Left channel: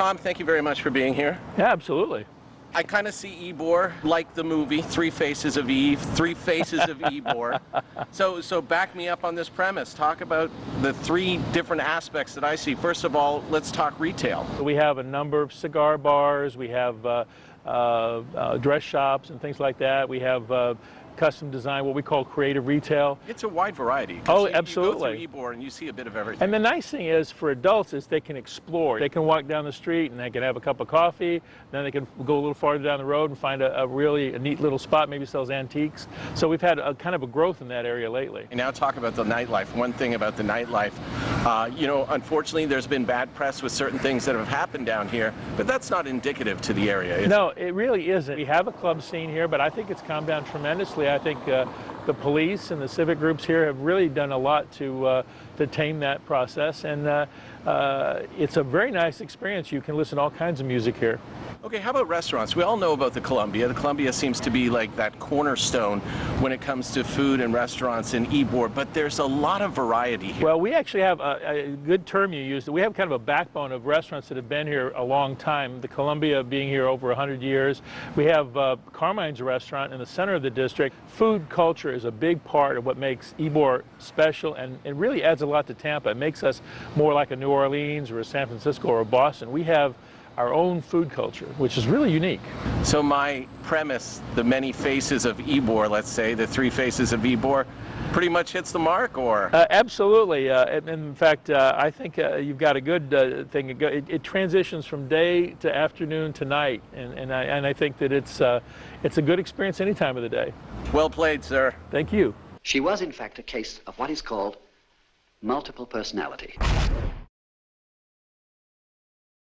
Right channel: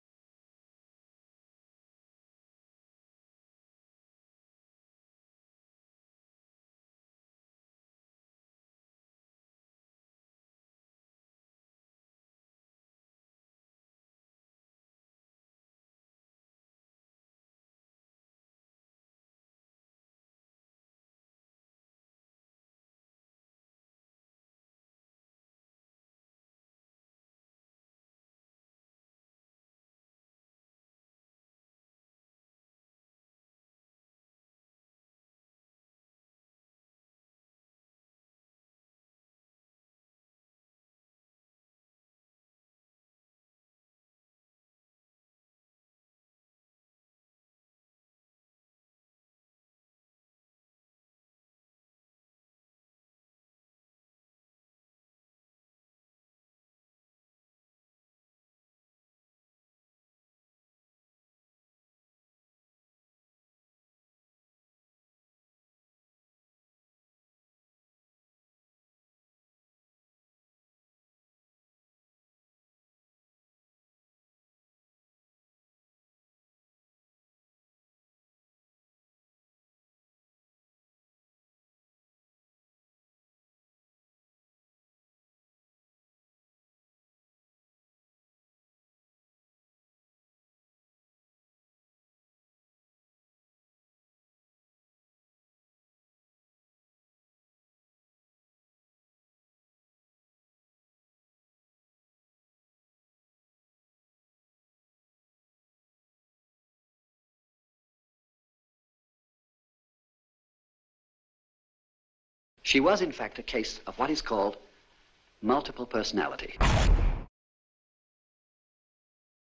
Tom, thank you very much for being here. Yeah, absolutely. I kind of see Ybor like the movie, Three Faces of Eve, Three Faces of Ybor. So back me up on this premise. Talk about the three different aspects that I see. First of all, let's talk retail. We have a number of cigar bars. We have dress shops and things like that. We have custom design, what we call creative retail. It's a wide variety. Oh, absolutely. You go through Ybor and you see a bit of everything. And the nice thing is for adults is they can explore. They can walk down the street and they can have a cup of coffee. Then they can go a little farther down the road and find a really neat little spot, maybe sells antiques. So we've had a kind of a growth in that area lately. And now talk about the nightlife. One thing about the nightlife, you know, unfortunately there's been bad press with certain things that have happened down here, but that's not indicative to the area. No, it really isn't. We have a club scene here, but I think it's calmed down tremendously. I think the police and the civic groups here have really done a lot to tame that process, and it's a very nice experience. You can listen to all kinds of music here. Okay, how about restaurants? We all know about the Columbia. The Columbia seems to be like that cornerstone when it comes to food and restaurants in Ybor, but there's a lot of variety here. Well, we actually have a good term you used. We have kind of a backbone of restaurants that have been here a long time. The Columbia being here over 100 years. We have Carmine's restaurant in the center of the district. Food culture is a big part of what makes Ybor special, and it really adds a lot to Tampa. It makes us more like a New Orleans or a San Francisco or a Boston. We have our own food culture, which is really unique. So my premise, the many faces of Ybor, let's say, the three faces of Ybor, pretty much hits the mark, or? Absolutely. In fact, I think you've got a good thing. It transitions from day to afternoon to night, and I think that it's a good experience any time of the day. Well played, sir. Thank you. She was, in fact, a case of what is called multiple personality.